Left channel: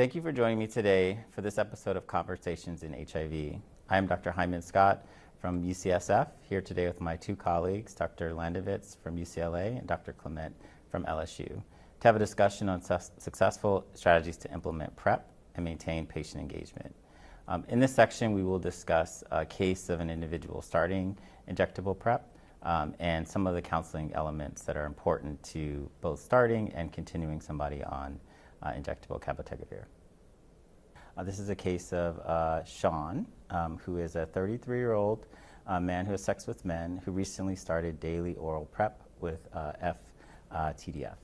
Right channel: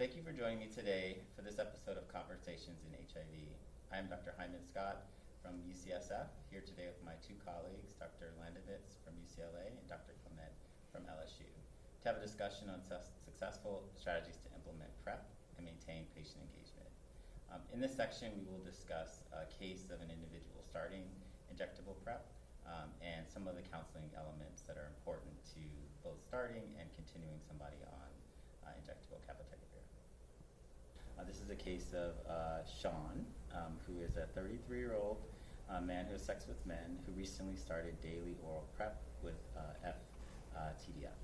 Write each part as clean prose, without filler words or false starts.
Thank you for joining me today for this episode of Conversations in HIV. I am Dr. Hyman Scott from UCSF, here today with my two colleagues, Dr. Landovitz from UCLA and Dr. Clement from LSU, to have a discussion on successful strategies to implement PrEP and maintain patient engagement. In this section, we will discuss a case of an individual starting injectable PrEP and some of the counseling elements that are important to both starting and continuing somebody on injectable cabotegravir. This is a case of Sean, who is a 33-year-old man who has sex with men who recently started daily oral PrEP with FTDF.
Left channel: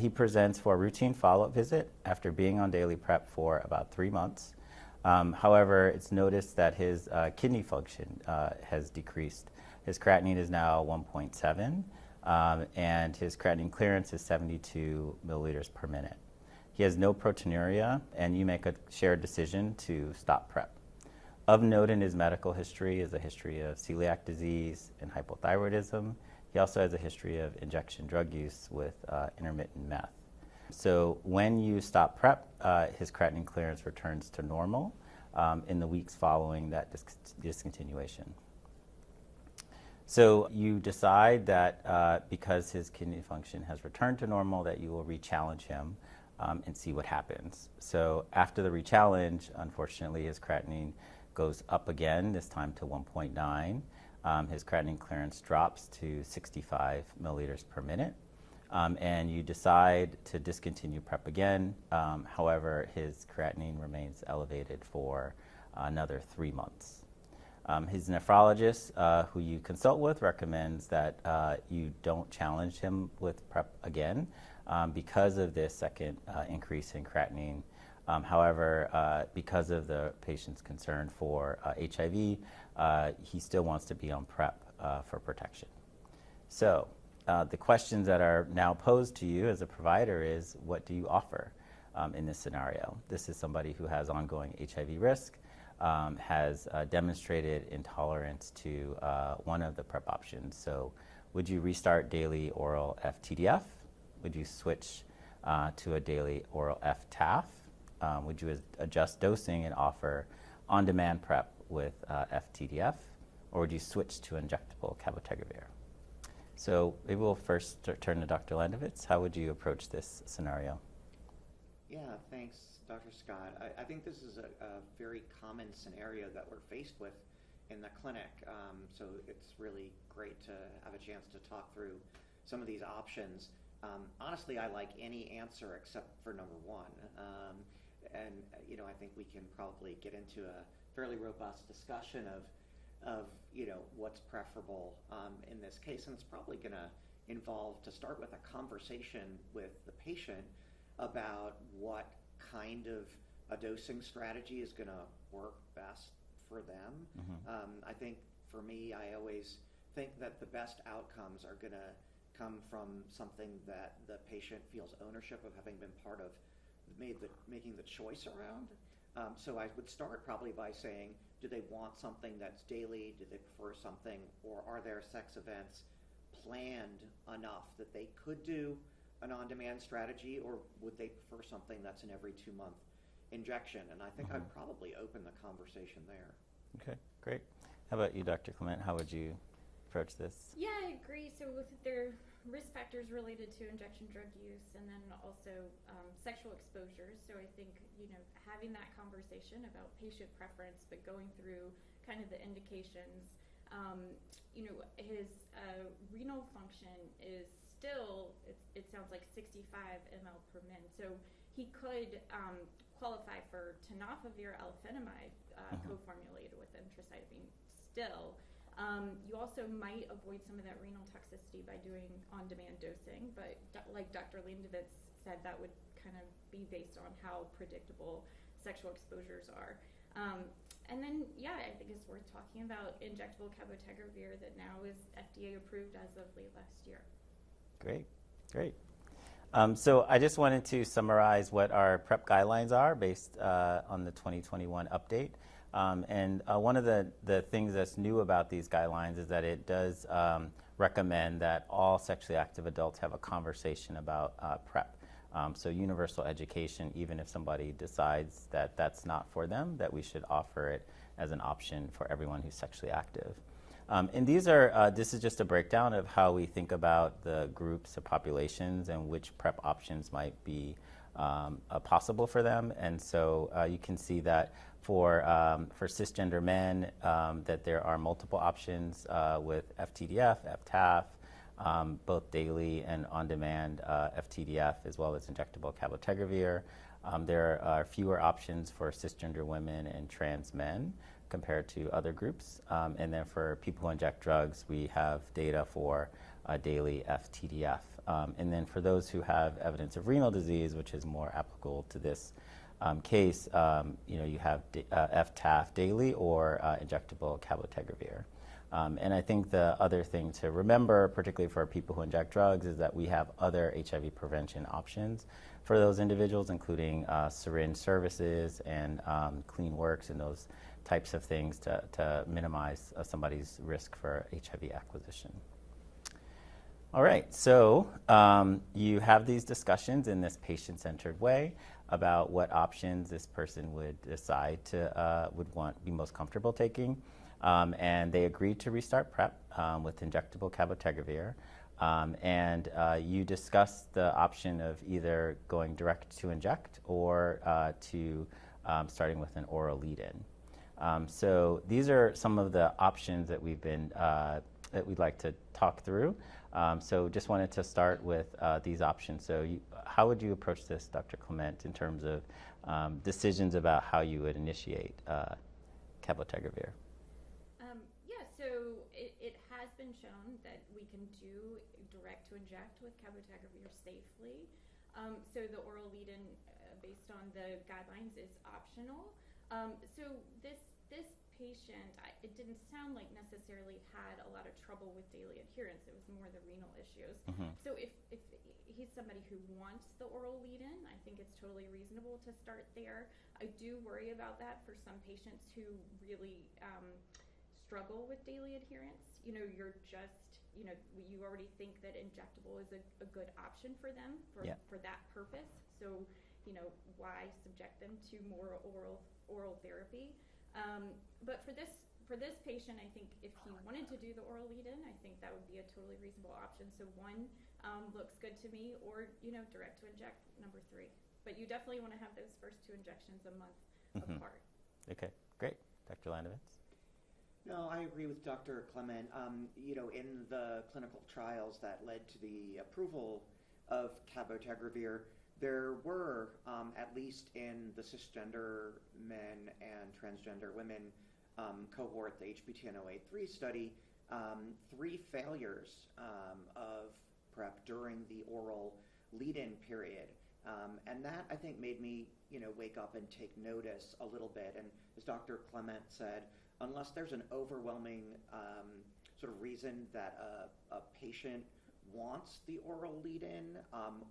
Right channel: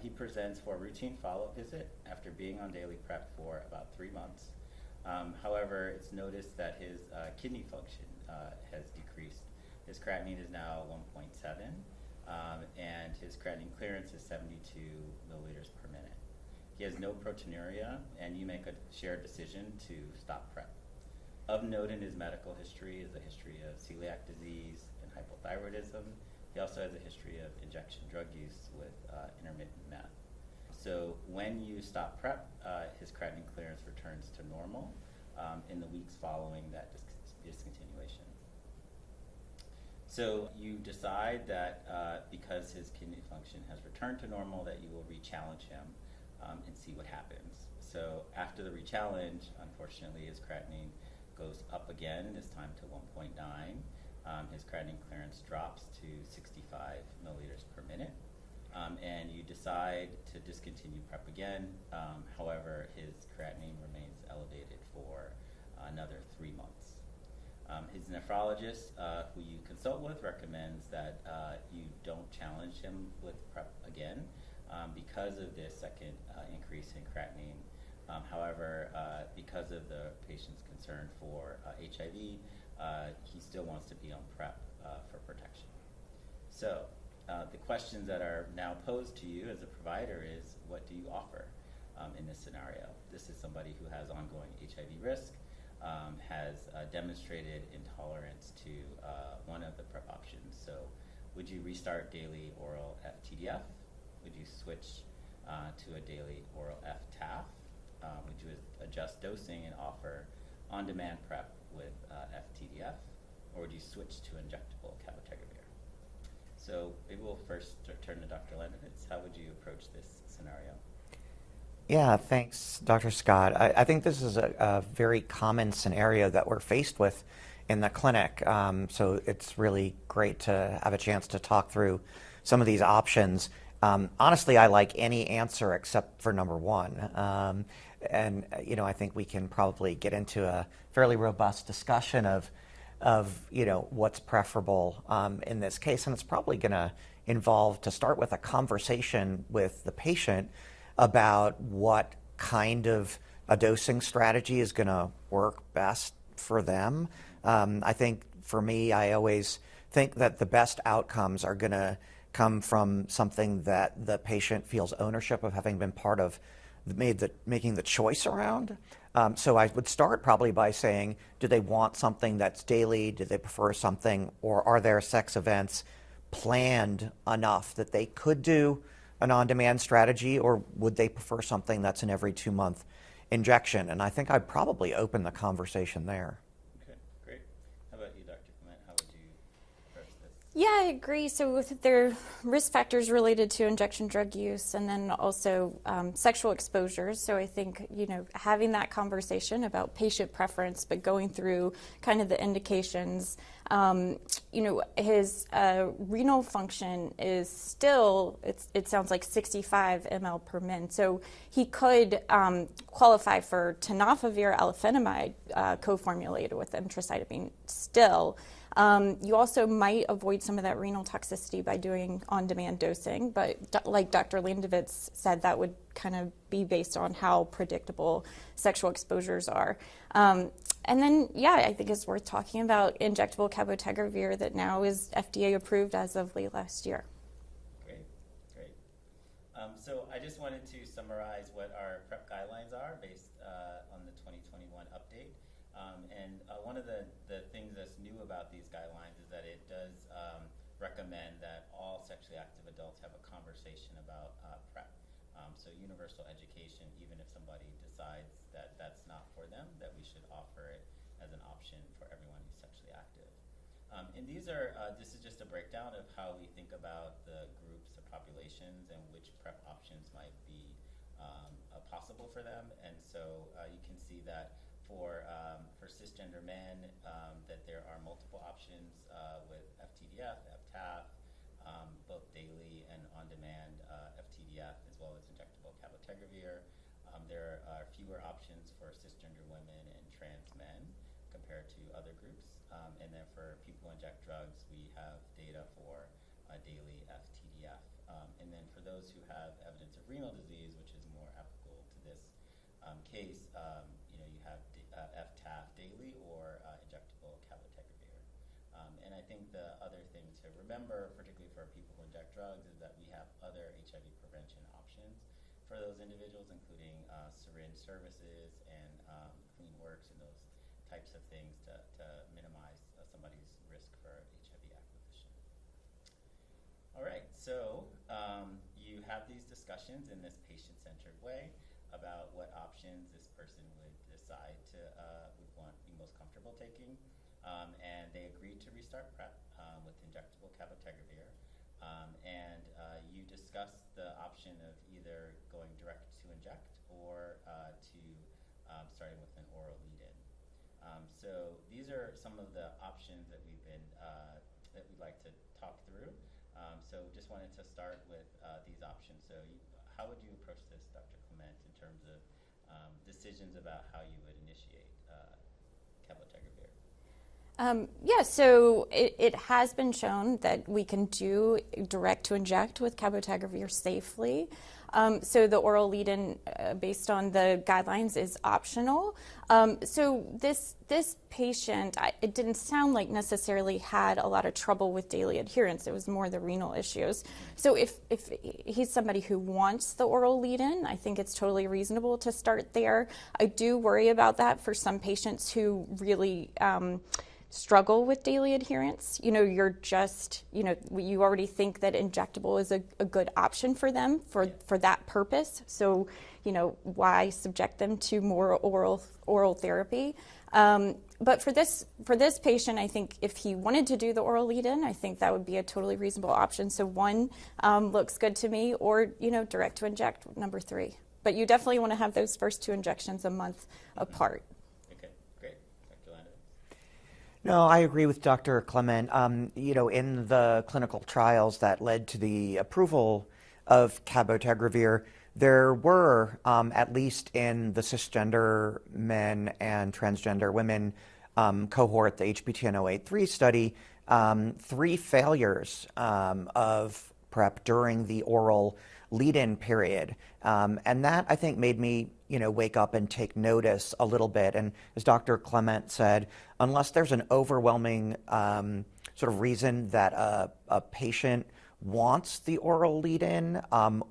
He presents for a routine follow-up visit after being on daily PrEP for about 3 months. However, it's noticed that his kidney function has decreased. His creatinine is now 1.7, and his creatinine clearance is 72 milliliters per minute. He has no proteinuria, and you make a shared decision to stop PrEP. Of note in his medical history is a history of celiac disease and hypothyroidism. He also has a history of injection drug use with intermittent meth. So when you stop PrEP, his creatinine clearance returns to normal in the weeks following that discontinuation. So you decide that because his kidney function has returned to normal, that you will re-challenge him and see what happens. So after the re-challenge, unfortunately, his creatinine goes up again, this time to 1.9. His creatinine clearance drops to 65 milliliters per minute. And you decide to discontinue PrEP again. However, his creatinine remains elevated for another 3 months. His nephrologist, who you consult with, recommends that you don't challenge him with PrEP again because of this second increase in creatinine. However, because of the patient's concern for HIV, he still wants to be on PrEP for protection. So the questions that are now posed to you as a provider is, what do you offer in this scenario? This is somebody who has ongoing HIV risk, has demonstrated intolerance to one of the PrEP options. So would you restart daily oral FTDF? Would you switch to a daily oral FTAF? Would you adjust dosing and offer on-demand PrEP with FTDF? Or would you switch to injectable cabotegravir? So maybe we'll first turn to Dr. Landovitz. How would you approach this scenario? Yeah, thanks, Dr. Scott. I think this is a very common scenario that we're faced with in the clinic. So it's really great to have a chance to talk through some of these options. Honestly, I like any answer except for number one. And I think we can probably get into a fairly robust discussion of what's preferable in this case. And it's probably going to involve, to start with, a conversation with the patient about what kind of a dosing strategy is going to work best for them. I think for me, I always think that the best outcomes are going to come from something that the patient feels ownership of having been part of making the choice around. So I would start probably by saying, do they want something that's daily? Do they prefer something, or are their sex events planned enough that they could do an on-demand strategy, or would they prefer something that's an every 2-month injection? And I think I'd probably open the conversation there. Okay, great. How about you, Dr. Clement? How would you approach this? Yeah, I agree. So there are risk factors related to injection drug use, and then also sexual exposures. So I think, having that conversation about patient preference, but going through kind of the indications. His renal function is still, it sounds like 65 ml per min. So he could qualify for tenofovir alafenamide co-formulated with emtricitabine still. You also might avoid some of that renal toxicity by doing on-demand dosing, but like Dr. Landovitz said, that would kind of be based on how predictable sexual exposures are. And then, I think it's worth talking about injectable cabotegravir that now is FDA approved as of late last year. Great. So I just wanted to summarize what our PrEP guidelines are based on the 2021 update. And one of the things that's new about these guidelines is that it does recommend that all sexually active adults have a conversation about PrEP So universal education, even if somebody decides that that's not for them, that we should offer it as an option for everyone who's sexually active. And this is just a breakdown of how we think about the groups of populations and which PrEP options might be possible for them. And so you can see that for cisgender men, that there are multiple options with FTDF, FTAF, both daily and on-demand FTDF, as well as injectable cabotegravir. There are fewer options for cisgender women and trans men compared to other groups. And then for people who inject drugs, we have data for daily FTDF. And then for those who have evidence of renal disease, which is more applicable to this case, you have FTAF daily or injectable cabotegravir. And I think the other thing to remember, particularly for people who inject drugs, is that we have other HIV prevention options for those individuals, including syringe services and clean works and those types of things to minimize somebody's risk for HIV acquisition. All right, so you have these discussions in this patient-centered way about what options this person would decide to be most comfortable taking. And they agreed to restart PrEP with injectable cabotegravir. And you discussed the option of either going direct to inject or to starting with an oral lead-in. So these are some of the options that that we'd like to talk through. So just wanted to start with these options. So how would you approach this, Dr. Clement, in terms of decisions about how you would initiate cabotegravir? So it has been shown that we can do direct to inject with cabotegravir safely. So the oral lead-in, based on the guidelines, is optional. So this patient, it didn't sound like necessarily had a lot of trouble with daily adherence. It was more the renal issues. Mm-hmm. So if he's somebody who wants the oral lead-in, I think it's totally reasonable to start there. I do worry about that for some patients who really struggle with daily adherence. You're just, you already think that injectable is a good option for them for that purpose. So, why subject them to more oral therapy? But for this patient, I think if he wanted to do the oral lead-in, I think that would be a totally reasonable option. So one looks good to me, or direct to inject number 3. But you definitely want to have those first 2 injections a month apart. Okay, great, Dr. Landowitz. No, I agree with Dr. Clement. In the clinical trials that led to the approval of cabotegravir, there were, at least in the cisgender men and transgender women cohort, the HPTN-083 study, 3 failures of PrEP during the oral lead-in period. And that, I think, made me wake up and take notice a little bit. And as Dr. Clement said, unless there's an overwhelming sort of reason that a patient wants the oral lead-in,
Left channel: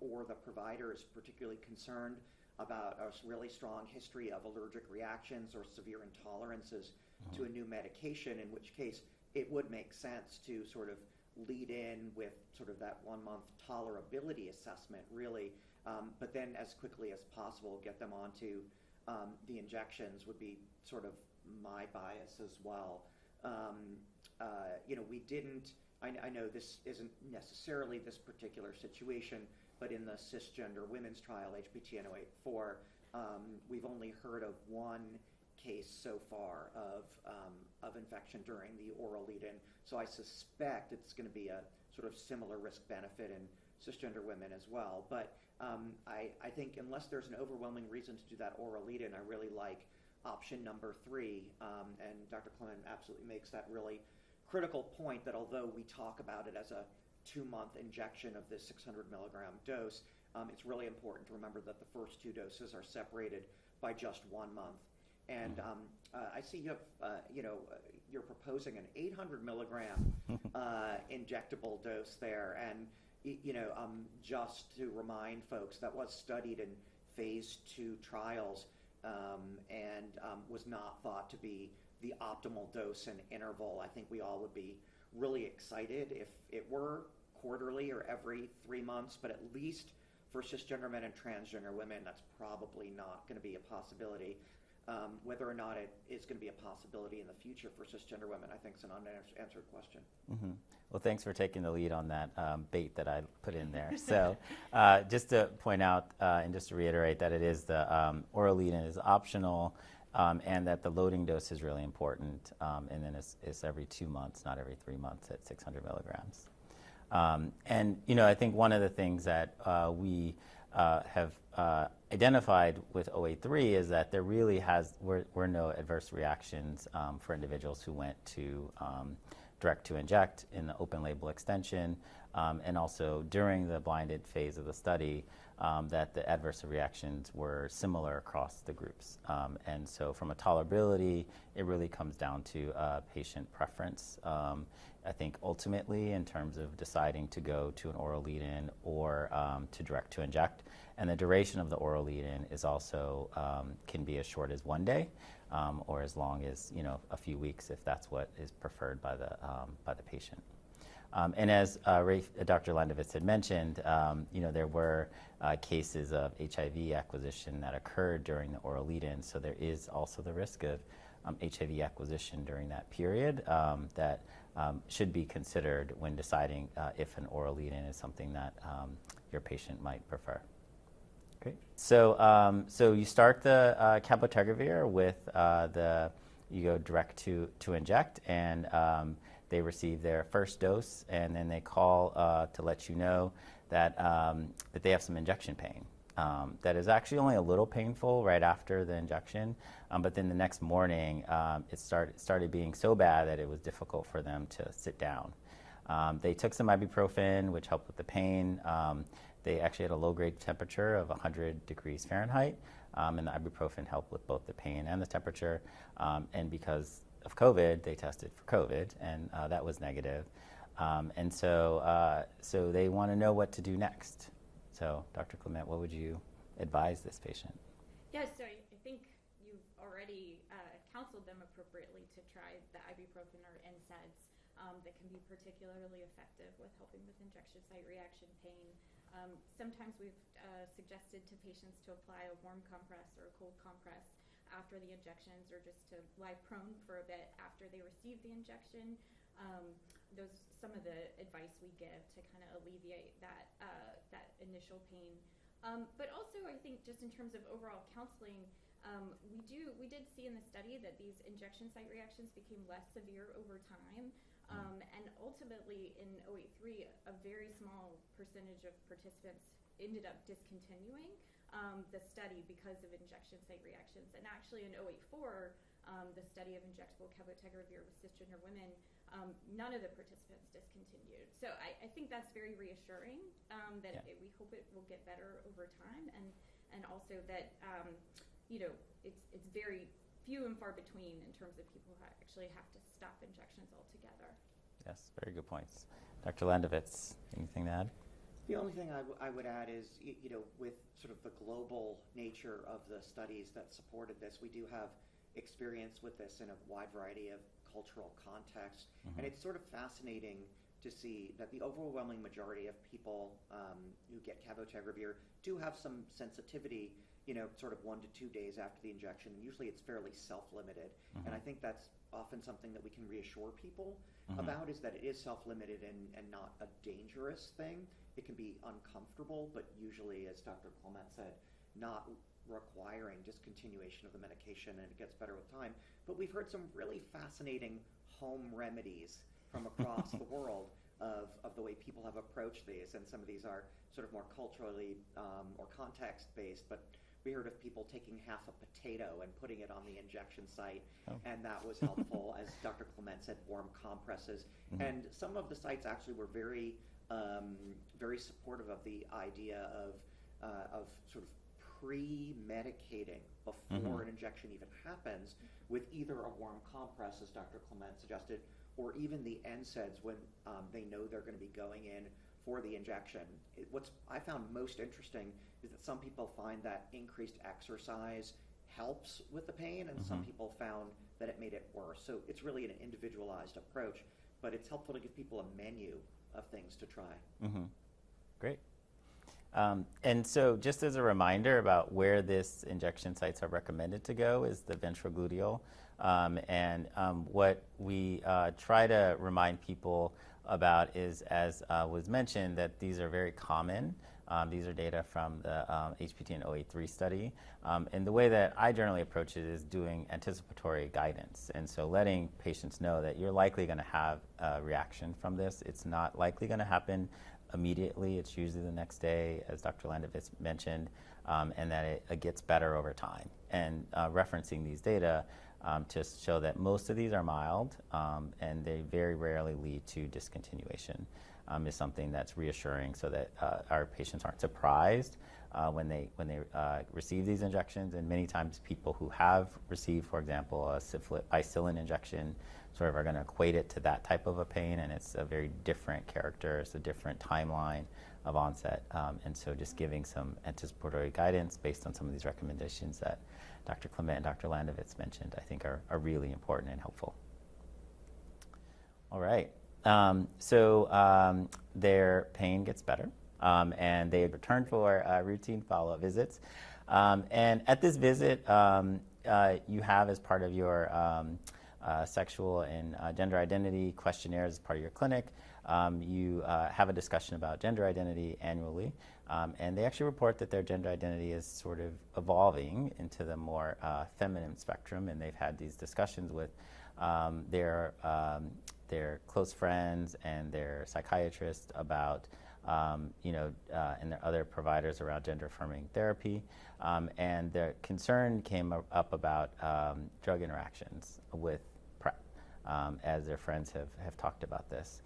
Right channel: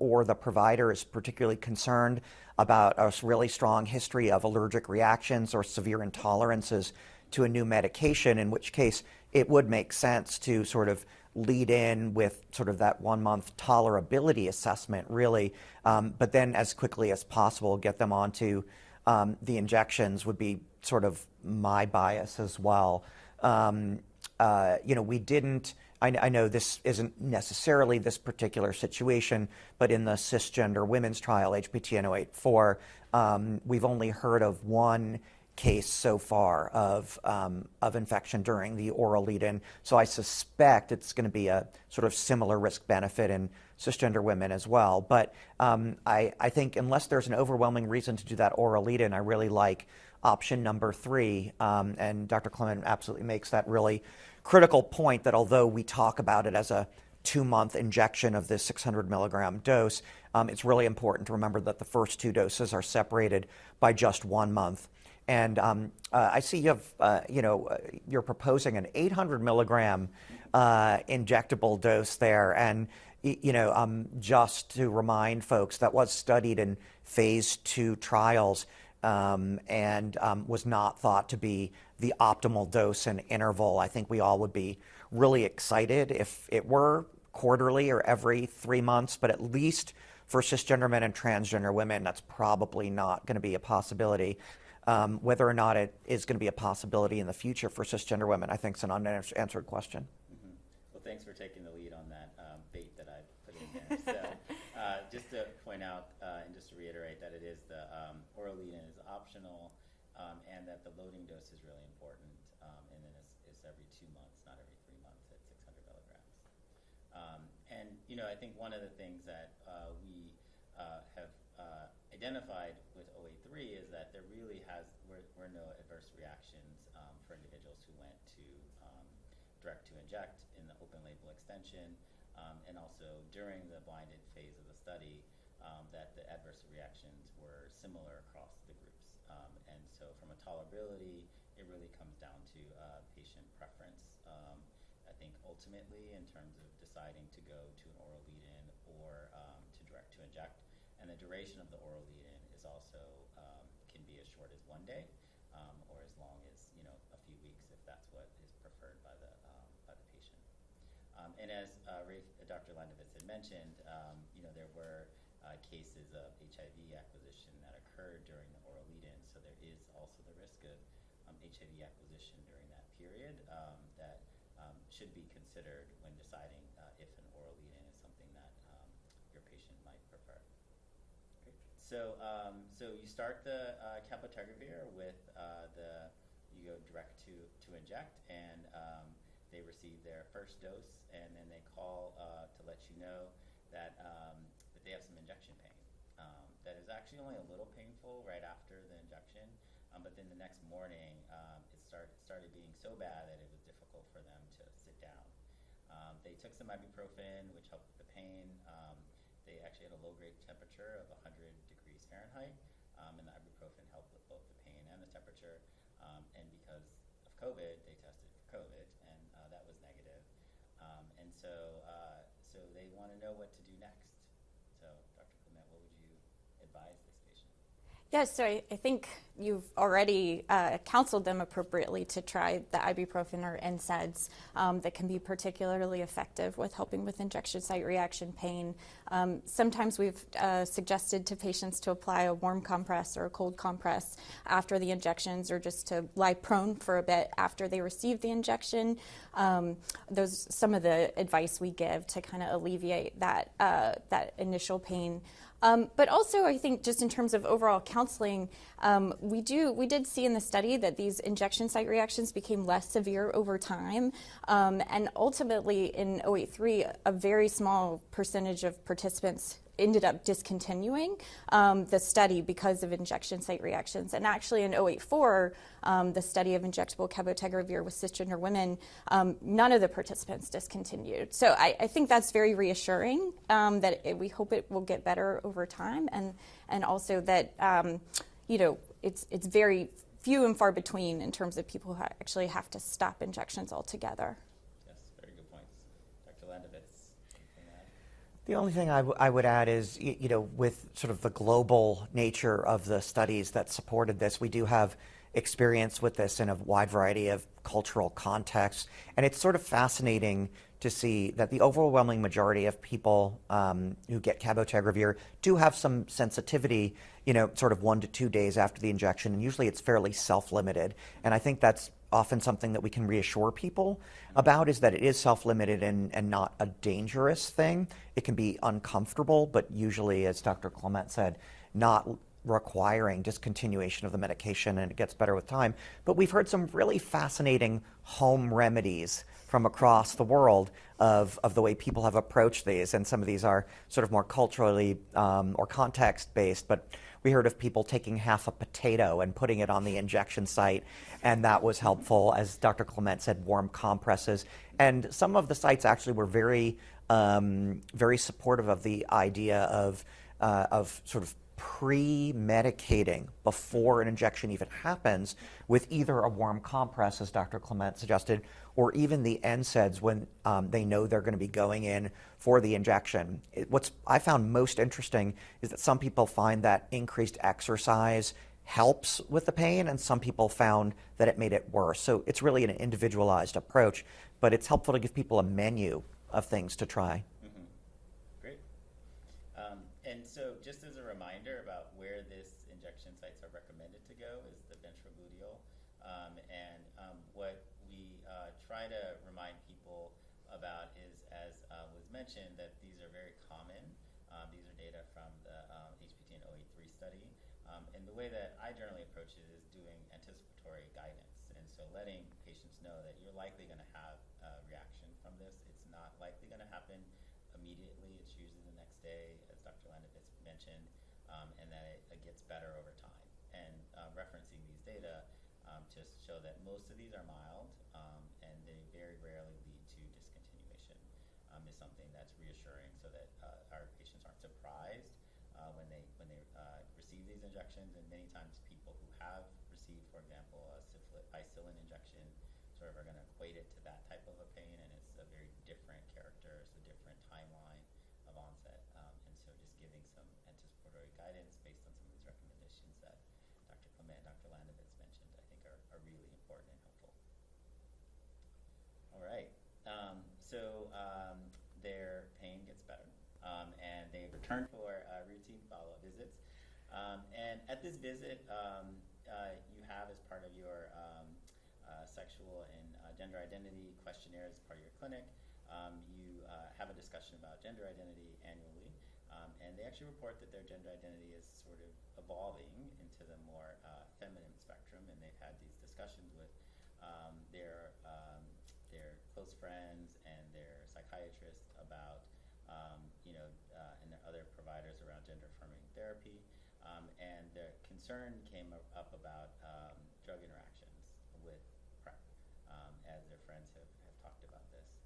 or the provider is particularly concerned about a really strong history of allergic reactions or severe intolerances to a new medication, in which case it would make sense to sort of lead in with sort of that 1-month tolerability assessment, really, but then as quickly as possible get them onto the injections would be sort of my bias as well. We didn't, I know this isn't necessarily this particular situation, but in the cisgender women's trial, HPTN-084, we've only heard of 1 case so far of infection during the oral lead-in. So I suspect it's going to be a sort of similar risk-benefit in cisgender women as well. But I think unless there's an overwhelming reason to do that oral lead-in, I really like option number 3. And Dr. Clement absolutely makes that really critical point that although we talk about it as a 2-month injection of this 600 milligram dose, it's really important to remember that the first 2 doses are separated by just 1 month. And I see you have, you're proposing an 800 milligram injectable dose there. And, just to remind folks, that was studied in phase 2 trials and was not thought to be the optimal dose and interval. I think we all would be really excited if it were quarterly or every 3 months, but at least For cisgender men and transgender women, that's probably not going to be a possibility. Whether or not it is going to be a possibility in the future for cisgender women, I think is an unanswered question. Mm-hmm. Well, thanks for taking the lead on that bait that I put in there. So just to point out and just to reiterate that it is the oral lead-in is optional, and that the loading dose is really important, and then it's every 2 months, not every 3 months at 600 milligrams. And, you know, I think one of the things that we have identified with 083 is that there really were no adverse reactions for individuals who went to direct to inject in the open label extension, and also during the blinded phase of the study, that the adverse reactions were similar across the groups. And so from a tolerability, it really comes down to patient preference. I think ultimately in terms of deciding to go to an oral lead-in or to direct to inject. And the duration of the oral lead-in is also can be as short as 1 day, or as long as, you know, a few weeks if that's what is preferred by the patient. And as Dr. Landovitz had mentioned, you know, there were cases of HIV acquisition that occurred during the oral lead-in, so there is also the risk of HIV acquisition during that period that should be considered when deciding if an oral lead-in is something that your patient might prefer. Great. So, so you start the cabotegravir with you go direct to inject, and they receive their first dose, and then they call to let you know that that they have some injection pain. That is actually only a little painful right after the injection, but then the next morning it started being so bad that it was difficult for them to sit down. They took some ibuprofen, which helped with the pain. They actually had a low-grade temperature of 100 degrees Fahrenheit, and the ibuprofen helped with both the pain and the temperature. And because of COVID, they tested for COVID, and that was negative. And so, so they want to know what to do next. So, Dr. Clement, what would you advise this patient? Yes, so I think you've already counseled them appropriately to try the ibuprofen or NSAIDs that can be particularly effective with helping with injection site reaction pain. Sometimes we've suggested to patients to apply a warm compress or a cold compress after the injections, or just to lie prone for a bit after they receive the injection. Those some of the advice we give to kind of alleviate that initial pain. But also, I think just in terms of overall counseling, we did see in the study that these injection site reactions became less severe over time, and ultimately in 083, a very small percentage of participants ended up discontinuing the study because of injection site reactions. And actually in 084, the study of injectable cabotegravir with cisgender women, none of the participants discontinued. So I think that's very reassuring, that we hope it will get better over time, and also that you know, it's very few and far between in terms of people who actually have to stop injections altogether. Yes, very good points. Dr. Landovitz, anything to add? The only thing I would add is, you know, with sort of the global nature of the studies that supported this, we do have experience with this in a wide variety of cultural contexts. And it's sort of fascinating to see that the overwhelming majority of people who get cabotegravir do have some sensitivity, you know, sort of 1 to 2 days after the injection. And usually it's fairly self-limited. And I think that's often something that we can reassure people about, is that it is self-limited and not a dangerous thing. It can be uncomfortable, but usually, as Dr. Clement said, not requiring discontinuation of the medication, and it gets better with time. But we've heard some really fascinating home remedies from across the world of the way people have approached these, and some of these are sort of more culturally or context-based, but we heard of people taking half a potato and putting it on the injection site, and that was helpful. As Dr. Clement said, warm compresses. And some of the sites actually were very, very supportive of the idea of sort of pre-medicating before an injection even happens with either a warm compress, as Dr. Clement suggested, or even the NSAIDs when they know they're going to be going in for the injection. What's I found most interesting is that some people find that increased exercise helps with the pain, and some people found that it made it worse. So it's really an individualized approach, but it's helpful to give people a menu of things to try. Mm-hmm. Great. And so just as a reminder about where this injection sites are recommended to go is the ventrogluteal. What we try to remind people about is, as was mentioned, that these are very common. These are data from the HPT and 083 study. And the way that I generally approach it is doing anticipatory guidance. And so letting patients know that you're likely going to have a reaction from this. It's not likely going to happen immediately. It's usually the next day, as Dr. Landovitz mentioned, and that it gets better over time. And referencing these data to show that most of these are mild and they very rarely lead to discontinuation is something that's reassuring, so that our patients aren't surprised when they receive these injections. And many times people who have received, for example, a syphilis injection sort of are going to equate it to that type of a pain, and it's a very different character. It's a different timeline of onset. And so just giving some anticipatory guidance based on some of these recommendations that Dr. Clement and Dr. Landovitz mentioned, I think are really important and helpful. All right. Their pain gets better, and they return for routine follow-up visits. And at this visit, you have, as part of your sexual and gender identity questionnaires as part of your clinic, you have a discussion about gender identity annually. And they actually report that their gender identity is sort of evolving into the more feminine spectrum, and they've had these discussions with their close friends and their psychiatrist about, and their other providers around gender-affirming therapy. And their concern came up about drug interactions with PrEP, as their friends have talked about this.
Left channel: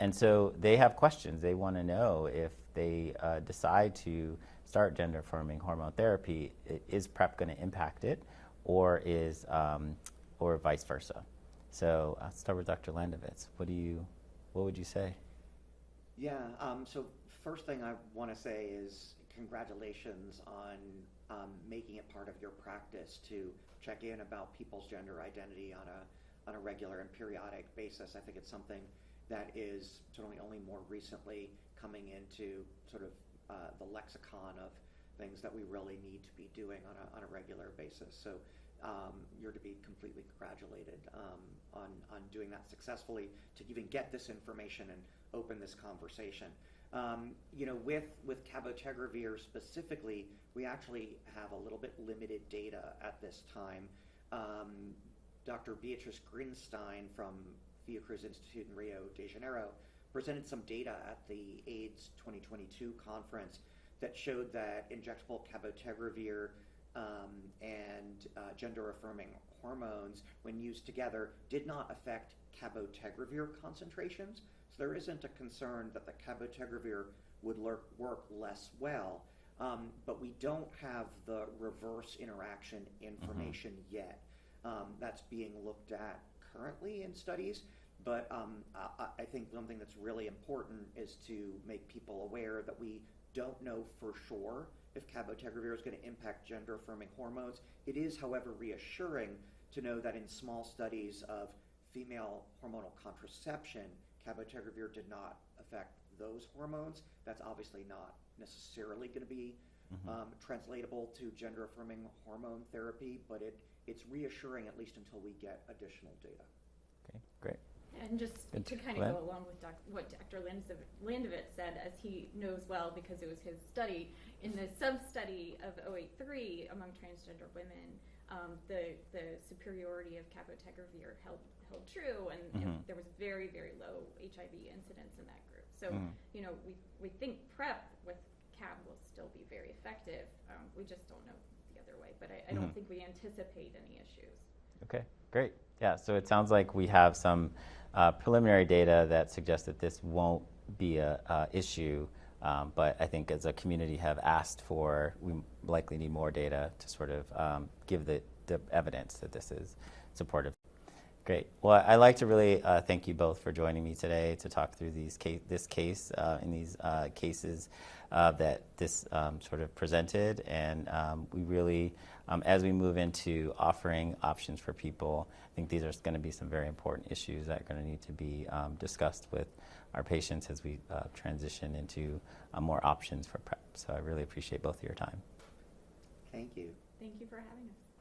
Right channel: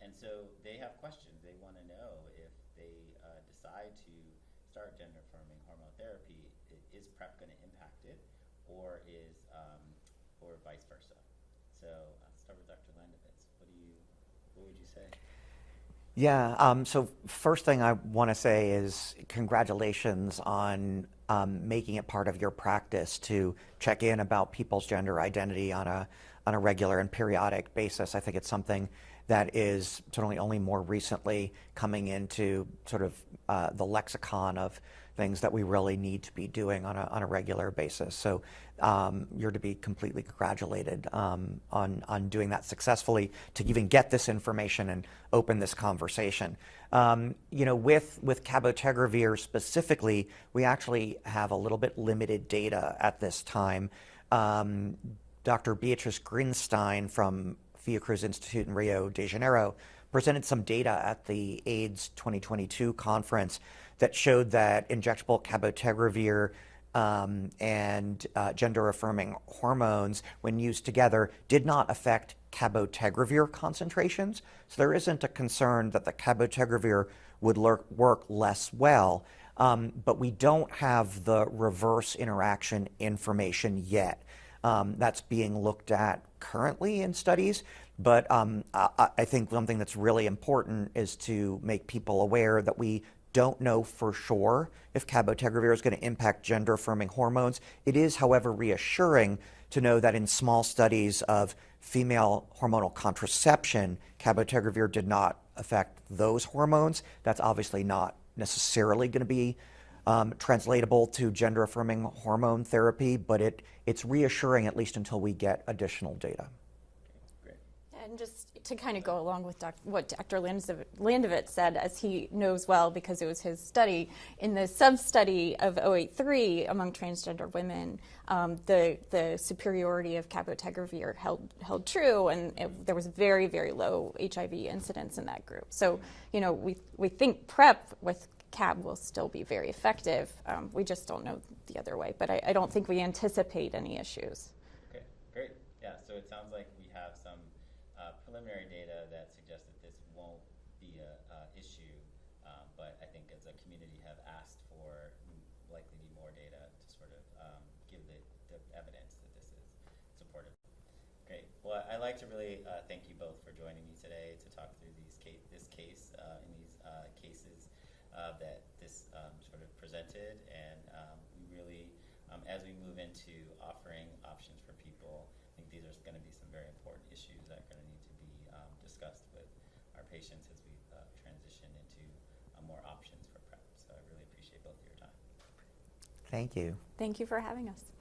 And so they have questions. They want to know if they decide to start gender-affirming hormone therapy, is PrEP going to impact it, or vice versa? So I'll start with Dr. Landovitz. What would you say? Yeah, so first thing I want to say is congratulations on making it part of your practice to check in about people's gender identity on a regular and periodic basis. I think it's something that is certainly only more recently coming into sort of the lexicon of things that we really need to be doing on a regular basis. So you're to be completely congratulated on doing that successfully, to even get this information and open this conversation. With cabotegravir specifically, we actually have a little bit limited data at this time. Dr. Beatrice Grinstein from Fiocruz Institute in Rio de Janeiro presented some data at the AIDS 2022 conference that showed that injectable cabotegravir and gender-affirming hormones, when used together, did not affect cabotegravir concentrations. So there isn't a concern that the cabotegravir would work less well, but we don't have the reverse interaction information yet. That's being looked at currently in studies, but I think something that's really important is to make people aware that we don't know for sure if cabotegravir is going to impact gender-affirming hormones. It is, however, reassuring to know that in small studies of female hormonal contraception, cabotegravir did not affect those hormones. That's obviously not necessarily going to be translatable to gender-affirming hormone therapy, but it's reassuring, at least until we get additional data. Okay, great. And just to kind of go along with what Dr. Landovitz said, as he knows well because it was his study, in the sub-study of 083 among transgender women, the superiority of cabotegravir held true, and there was very, very low HIV incidence in that group. So, we think PrEP with cab will still be very effective. We just don't know the other way, but I don't think we anticipate any issues. Okay, great. Yeah, so it sounds like we have some preliminary data that suggests that this won't be a issue, but I think as a community have asked for, we likely need more data to sort of give the evidence that this is supportive. Great. Well, I'd like to really thank you both for joining me today to talk through this case and these cases that this sort of presented, and we really, as we move into offering options for people, I think these are going to be some very important issues that are going to need to be discussed with our patients as we transition into more options for PrEP. So I really appreciate both of your time. Thank you. Thank you for having us.